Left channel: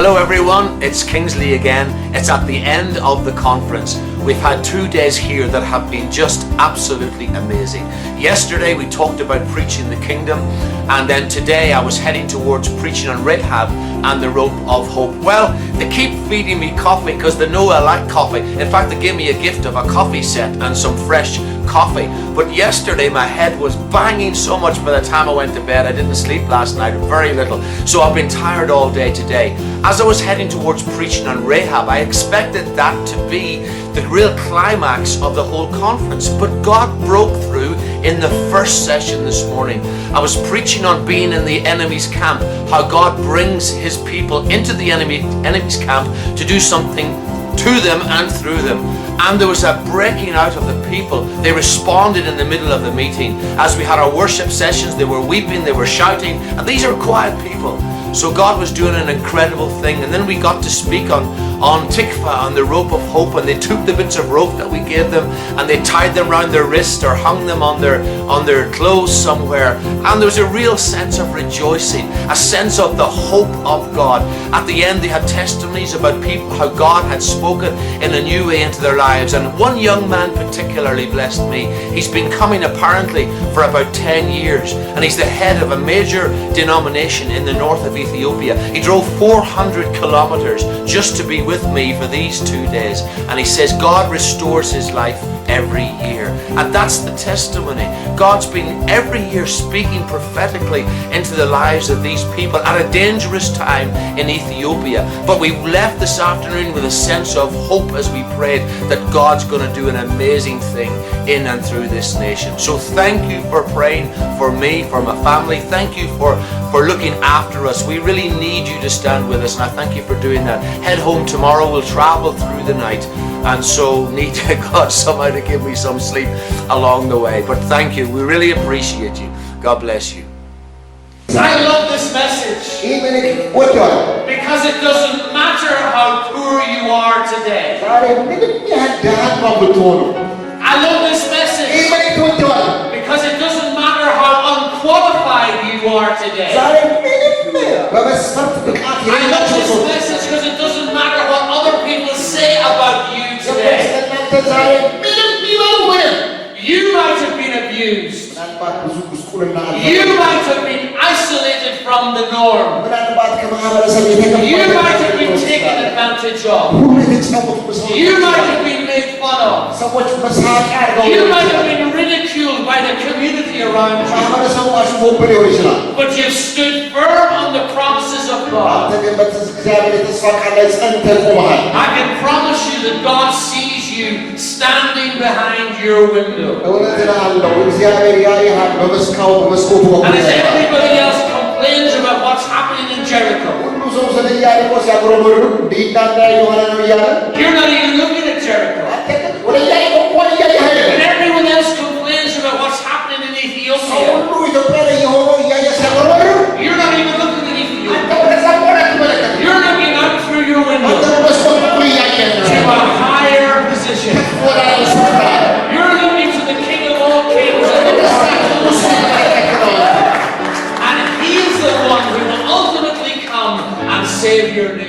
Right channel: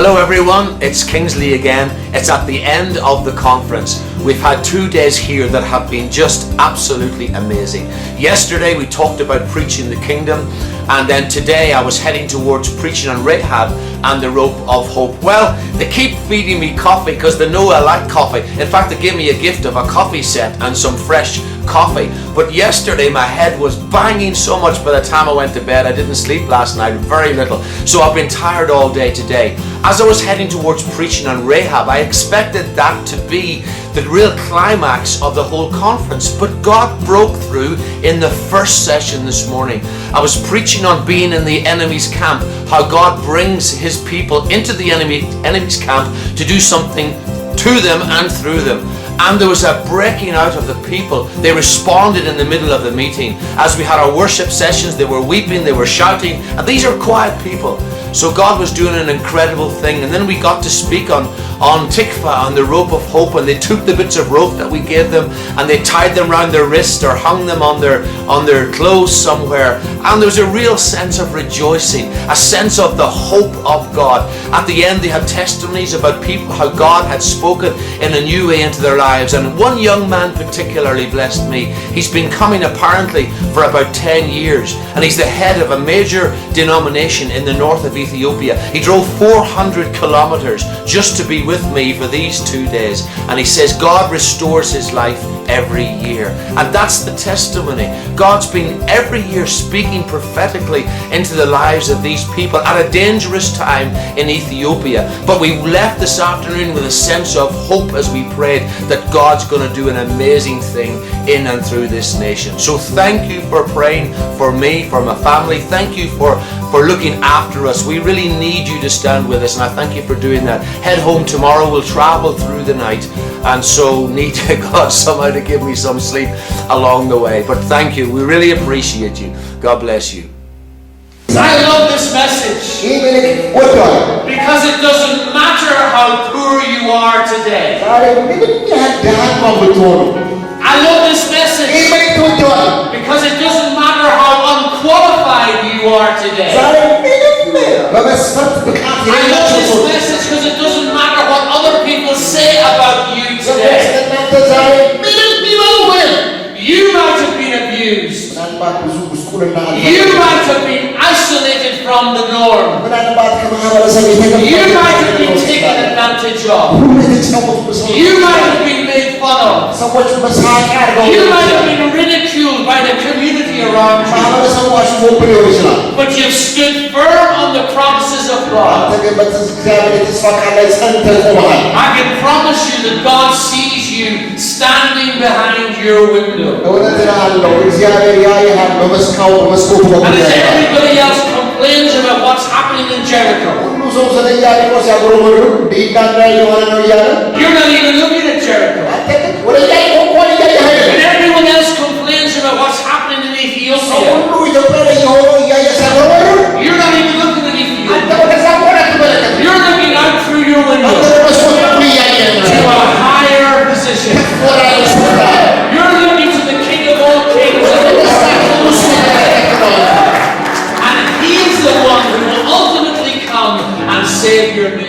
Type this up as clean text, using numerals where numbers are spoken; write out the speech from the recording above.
Hello everyone, it's Kingsley again. It's at the end of the conference. We've had 2 days here that have been just absolutely amazing. Yesterday we talked about preaching the kingdom, and then today I was heading towards preaching on Rahab and the rope of hope. Well, they keep feeding me coffee because they know I like coffee. In fact, they gave me a gift of a coffee set and some fresh coffee. But yesterday my head was banging so much by the time I went to bed. I didn't sleep last night, very little. So I've been tired all day today. As I was heading towards preaching on Rahab, I expected that to be the real climax of the whole conference. But God broke through in the first session this morning. I was preaching on being in the enemy's camp, how God brings his people into the enemy's camp to do something to them and through them. And there was a breaking out of the people. They responded in the middle of the meeting. As we had our worship sessions, they were weeping, they were shouting, and these are quiet people. So God was doing an incredible thing. And then we got to speak on Tikva, on the rope of hope, and they took the bits of rope that we gave them and they tied them around their wrist or hung them on their clothes somewhere. And there was a real sense of rejoicing, a sense of the hope of God. At the end they had testimonies about people, how God had spoken in a new way into their lives. And one young man particularly blessed me. He's been coming apparently for about 10 years, and he's the head of a major denomination in the north of Ethiopia. He drove 400 kilometers just to be with me for these 2 days, and he says God restores his life every year. And that's the testimony. God's been every year speaking prophetically into the lives of these people at a dangerous time in Ethiopia. But we left this afternoon with a sense of hope as we prayed that God's going to do an amazing thing in and through this nation. So thank you for praying for me, for my family. Thank you for looking after us. We really need you to stand with us, and I thank you for doing that. Head home tomorrow. We'll travel through the night, and so need God somehow to give me some sleep along the way. But thank you. We really appreciate you. God bless you. I love this message because it doesn't matter how poor you are today. I love this message because it doesn't matter how unqualified you are today. I love this message because it doesn't matter what other people say about you today. You might have been abused. You might have been isolated from the norm. You might have been taken advantage of. You might have been made fun of. You might have been ridiculed by the community around you. But you've stood firm on the promises of God. I can promise you that God sees you standing behind your window. And as everybody else complains about what's happening in Jericho, you're not even looking at Jericho. When everyone else complains about what's happening in Ethiopia, you're not even looking at Ethiopia. You're looking out through your window to a higher position. You're looking to the King of all kings and he is the one who will ultimately come and save your nation.